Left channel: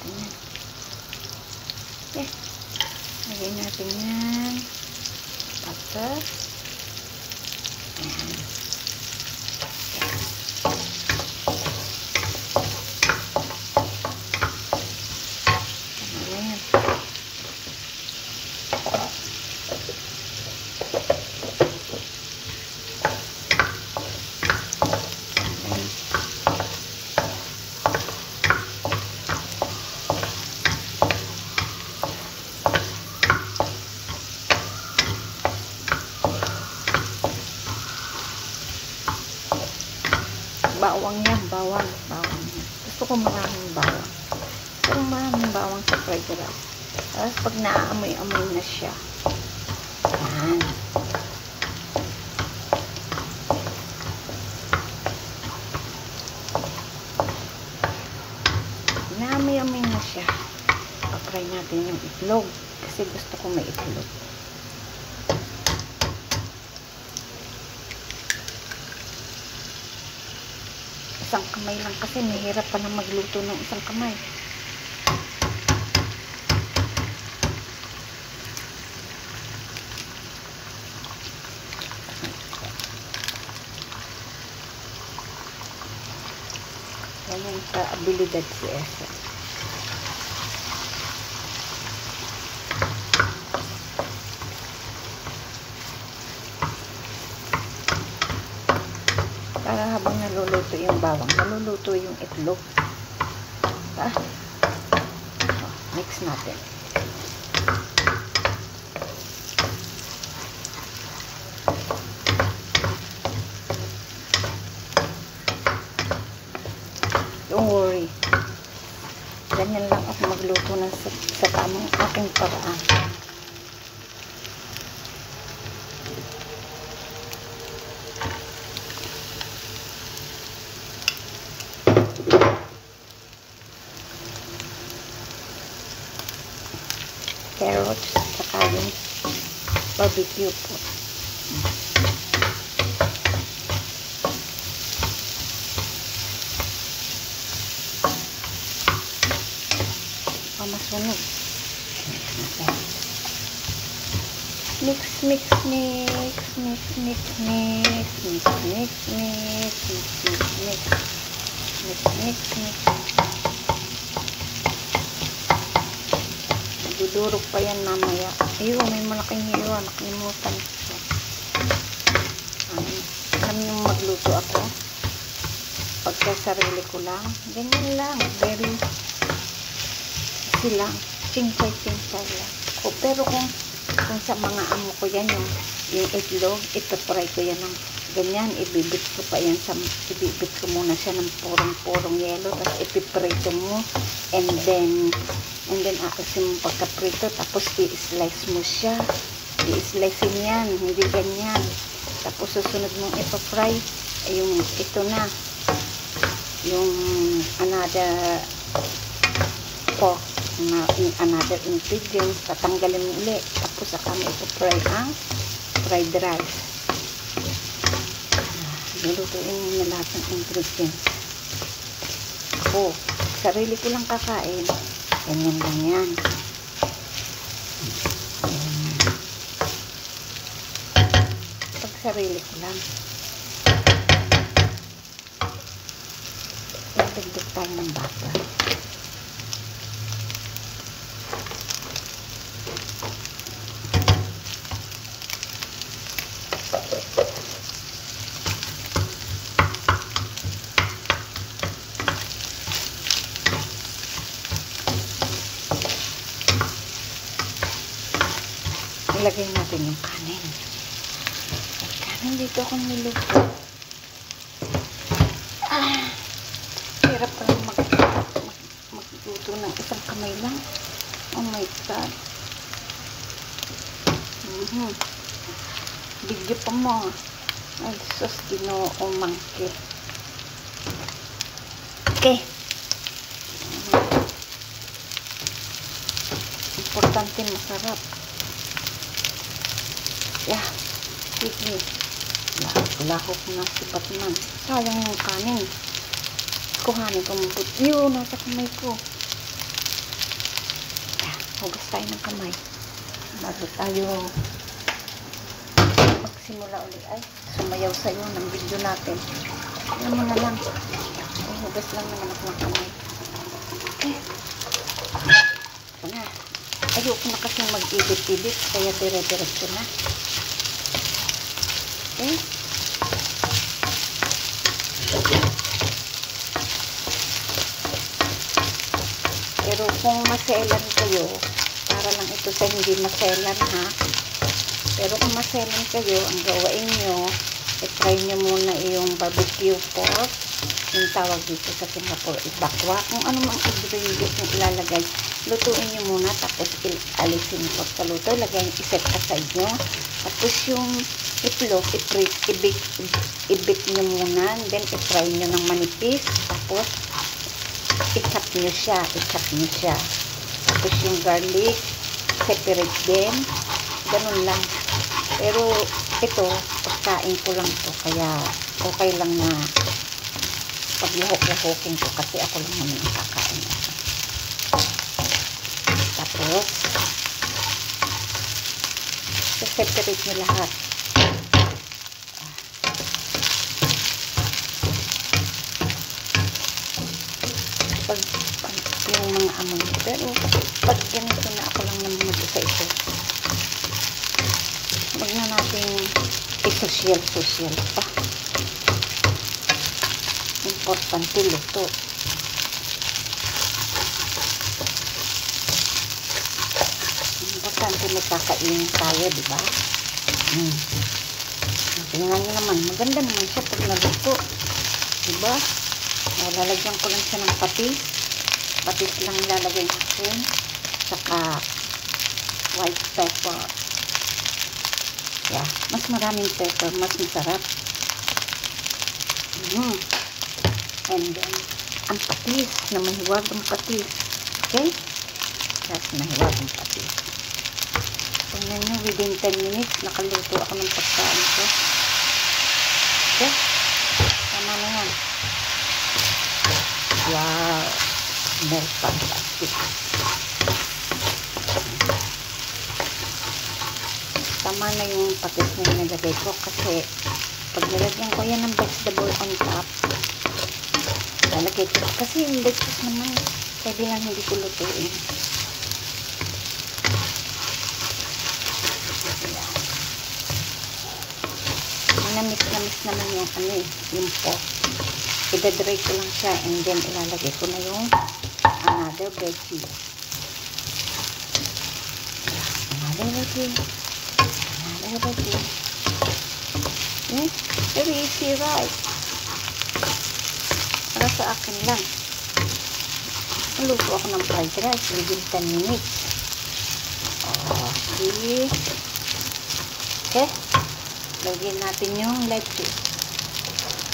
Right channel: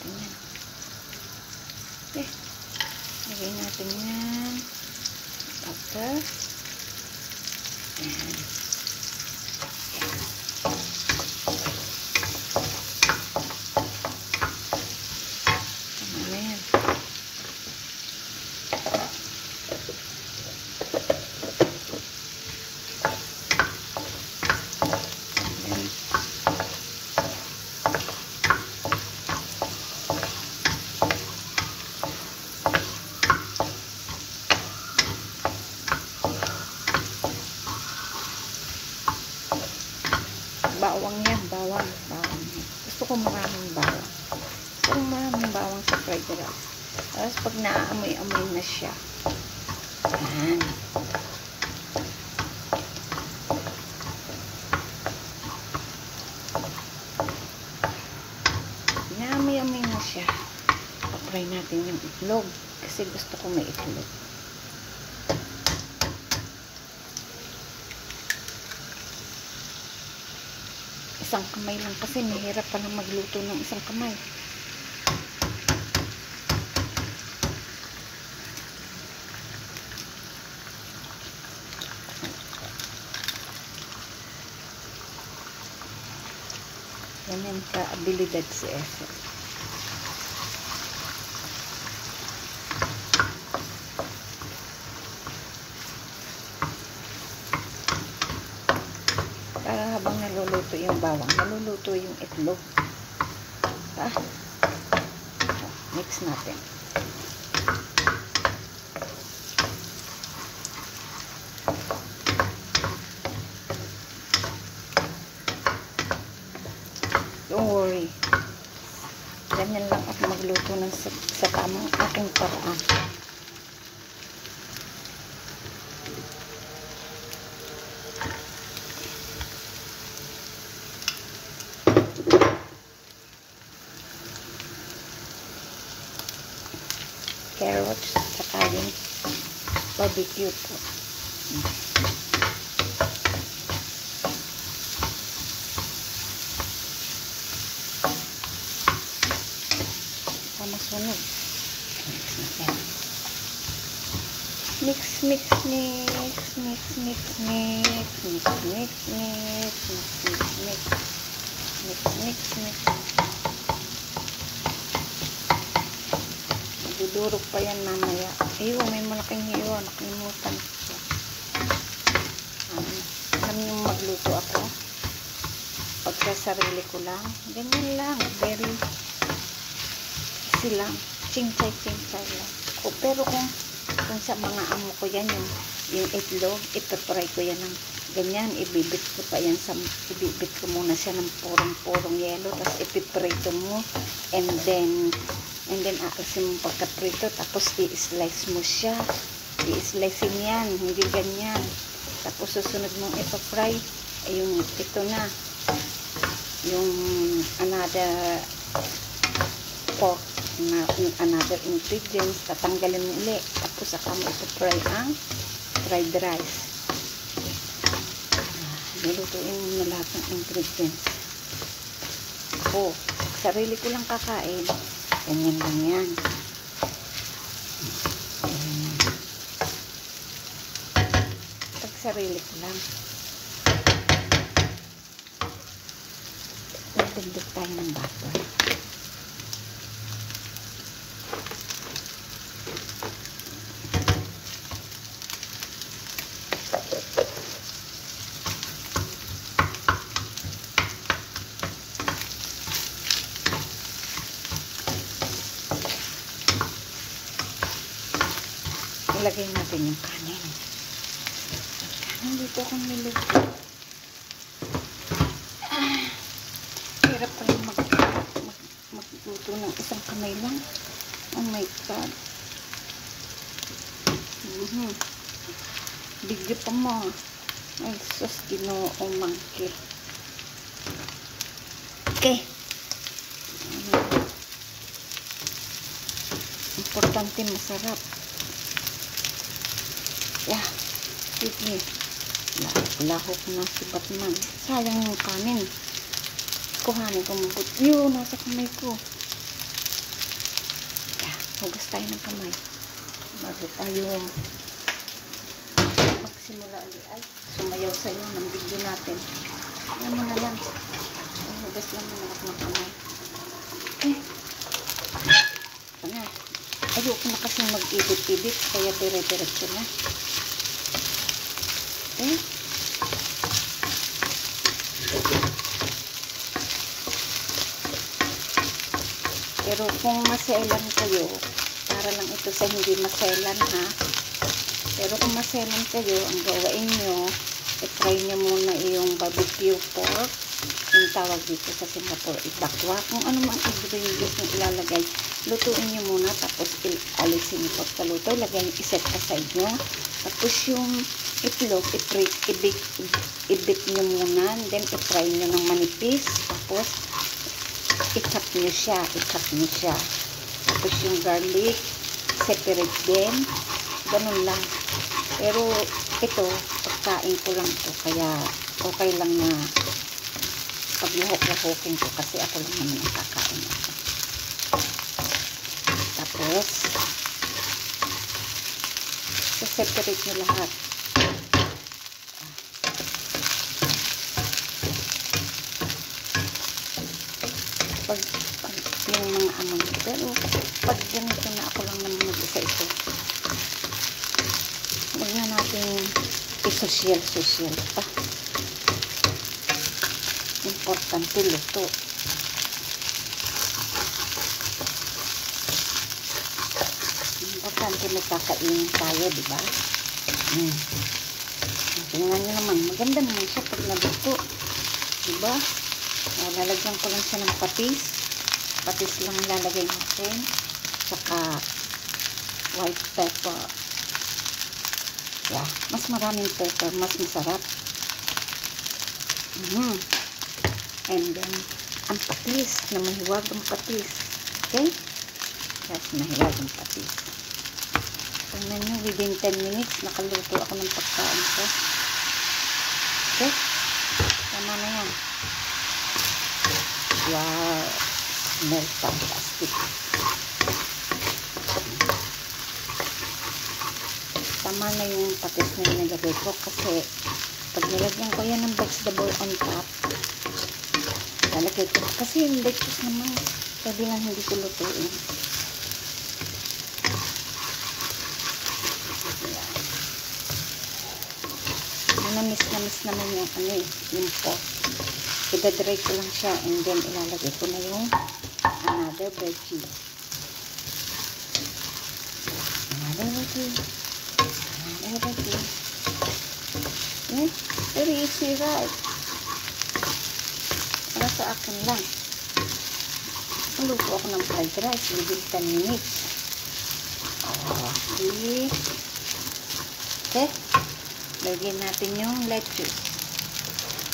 natin yan. Okay. Lagyan natin yan. Butter. Ayan. Bawang yan, bawang yan. Gusto ko maraming bawang. Gusto ko maraming bawang sa fried rice. Tapos pag naamoy-amoy na siya, yan. Naamoy-amoy na siya. Pa-fry natin yung itlog. Kasi gusto ko may itlog. Isang kamay lang kasi mahirap palang magluto ng isang kamay. Ganyan ka abilidad si Esa. Para habang naluluto yung bawang, naluluto yung itlog. Mix natin. Don't worry. Ganyan lang ako magluto ng sa tamang aking paraan. Carrots, saka yung barbecue po. Pamasunog. Mix, mix, mix, mix, mix, mix, mix, mix, mix, mix, mix, mix, mix, mix, mix. Dudurog pa yan mamaya. Ayun, may malaking hiwa. Nakalimutan ko. Alam niyo magluto ako. Pagka sarili ko lang. Ganyan lang. Very easy lang. Cincay lang. Pero kung sa mga amo ko yan, yung itlog, ito-fry ko yan ng ganyan. Ibibit ko muna siya ng purong yelo. Tapos ipiprito mo. And then aalisin mo pagkaprito, tapos i-slice mo siya. I-slice mo yan, hindi ganyan. Tapos susunod mong ipa-fry, yung ito na, yung another pork, yung another ingredients, tatanggalin mo ulit. Tapos saka mo ipa-fry ang fried rice. Nilutuin mo na lahat ng ingredients. Ako, sarili ko lang kakain. Ganyan lang yan. Pag sarili ko lang. Nagdagdag tayo ng butter. Ilagay natin yung kanin. Kanin dito akong niluto. Hirap palang magluto ng isang kamay lang. Oh my God. Bigyo pa mo. Ay, sus, Ginoong mangkit. Okay. Importante masarap. Yeah, sige. Lahok na si Batman. Sayang yung kanin. Kuhanin ko mabut. Yun, nasa kamay ko. Hugas tayo ng kamay. Bago tayo magsimula ulit. Ay, sumayaw sa'yo ng video natin. Ayan mo na lang. Ay, hugas lang naman ako ng kamay. Okay. Ito na. Ayoko na kasi mag-edit-edit. Kaya dire-diretso na. Okay. Pero kung maselan kayo, para lang ito sa hindi maselan ha. Pero kung maselan kayo, ang gawain nyo, i-try nyo muna yung barbecue pork, yung tawag dito sa Singapore, ibakwa. Kung ano mang ingredients yung ilalagay, lutuin nyo muna, tapos alisin yung pagkaluto, lagay, iset aside nyo. Tapos yung itlog, i-bake nyo muna, then i-fry nyo ng manipis, tapos i-chop nyo siya. Tapos yung garlic, separate din. Ganun lang. Pero ito, pagkain ko lang to. Kaya okay lang na pag-lahok-lahokin ko kasi ako lang naman ang kakain ito. Tapos, separate nyo lahat. Pag yung mga amoy. Pero pag ganito na ako lang naman mag-isa ito, huwag na natin i-social pa. Importante luto. Importante may kakainin tayo, diba? Tingnan nyo naman, maganda naman siya pag naluto, diba? Lalagyan ko lang siya ng patis lang lalagay natin, saka white pepper. Yeah, mas maraming pepper, mas masarap. And then ang patis, na mahiwag ang patis. Okay? Tapos mahiwag ang patis. Tingnan nyo, within 10 minutes nakaluto ako ng pagkain ko. Okay? Tama na yan. Wow, smell fantastic. Tama na yung patis na nilagay ko kasi pag nilagyan ko yan ng vegetable on top, lalagay ko kasi yung lettuce naman pwede nga hindi ko lutuin. Namis naman yung yung pork. I-dry ko lang siya and then ilalagay ko na yung another veggie. Very easy, right? Para sa akin lang. Maluto ako ng fried rice within 10 minutes. Okay. Okay. Lagyan natin yung lettuce.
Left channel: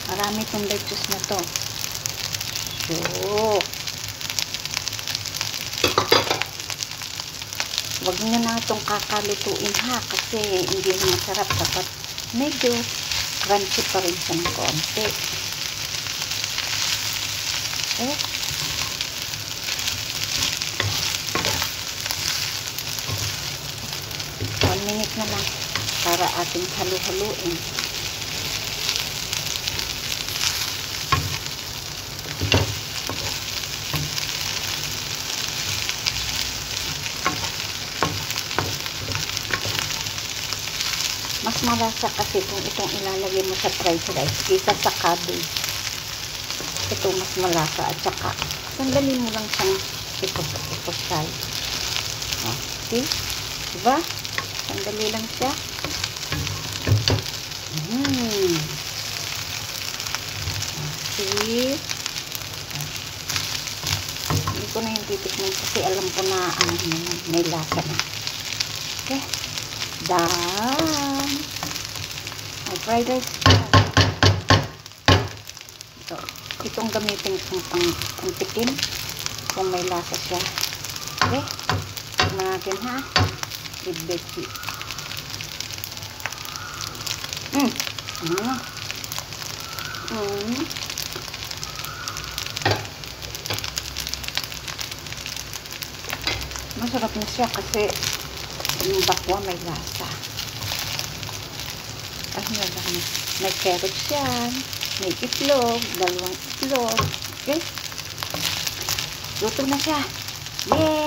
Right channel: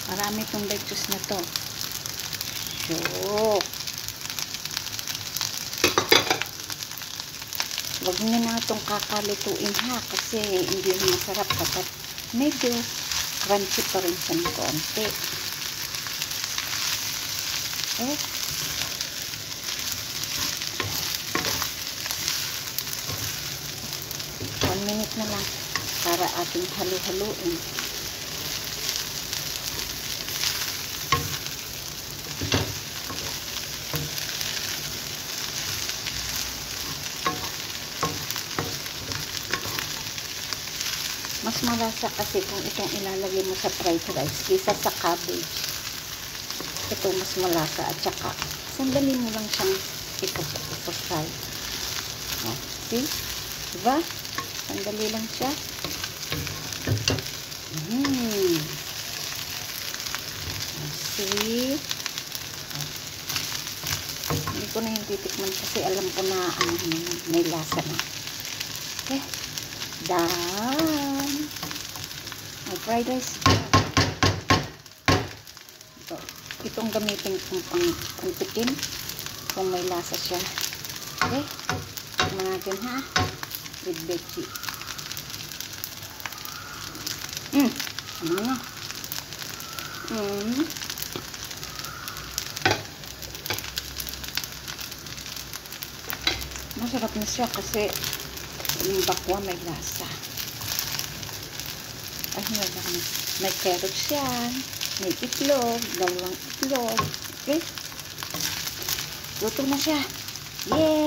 Marami itong lettuce na to. So, wag nyo na itong kakalutuin ha, kasi hindi na masarap kapag medyo crunchy pa rin siya ng konti. Okay. 1 minute na lang para ating halu-haluin. Mas malasa kasi kung itong ilalagay mo sa fried rice kaysa sa cabbage. Ito mas malasa at saka sandali mo lang siyang ipos-fry. See? Diba? Sandali lang siya. See? Hindi ko na yung titikman kasi alam ko na may lasa na. Okay? Done. May fried rice. Itong gamitin kong pang-tikim kung may lasa siya. Okay? Tignan natin ha. With veggie. Ano na? Masarap na siya kasi yung bakwa may lasa. May carrots yan, may itlog, 2 itlog. Okay? Luto na siya. Yay!